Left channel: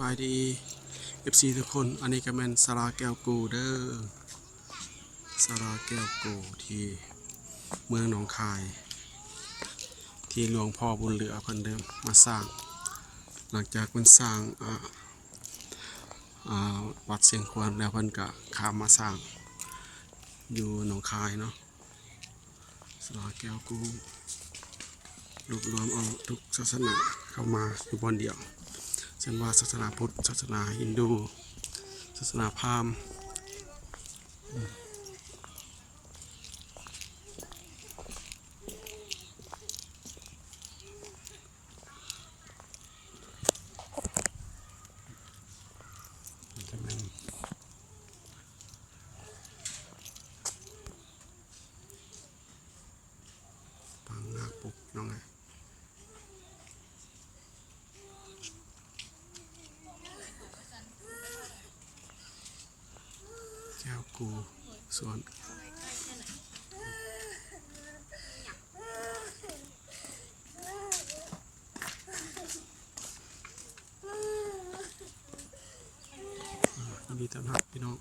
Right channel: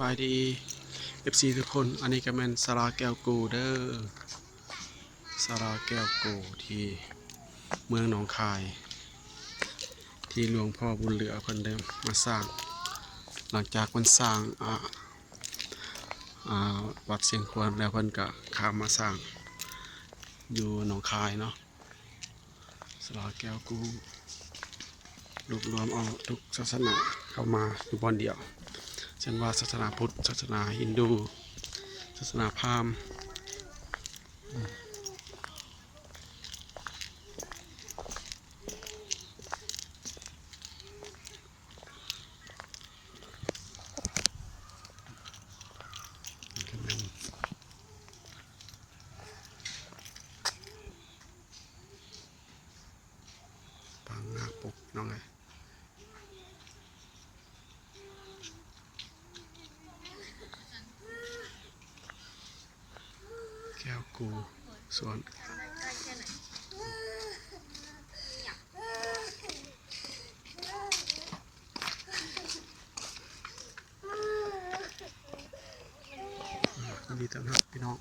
บายดี FC ทุกคนอันนี้ก็เป็นสาราแก้วกูเด้อสาราแก้วกูที่เมืองหนองคายที่หลวงพ่อบุญเหลือเพิ่นเดิมมาสร้างหลังจากมันสร้างวัดเสียงควรแล้วเพิ่นก็ข้ามมาสร้างอยู่หนองคายเนาะสาราแก้วกูรวบรวมเอาทุกศาสนาเข้ามาอยู่บอนเดียวเช่นว่าศาสนาพุทธศาสนาฮินดูศาสนาพราหมณ์ปางนาคปกน้องไงแก้วกูส่วนยินดีต้อนรับพี่น้อง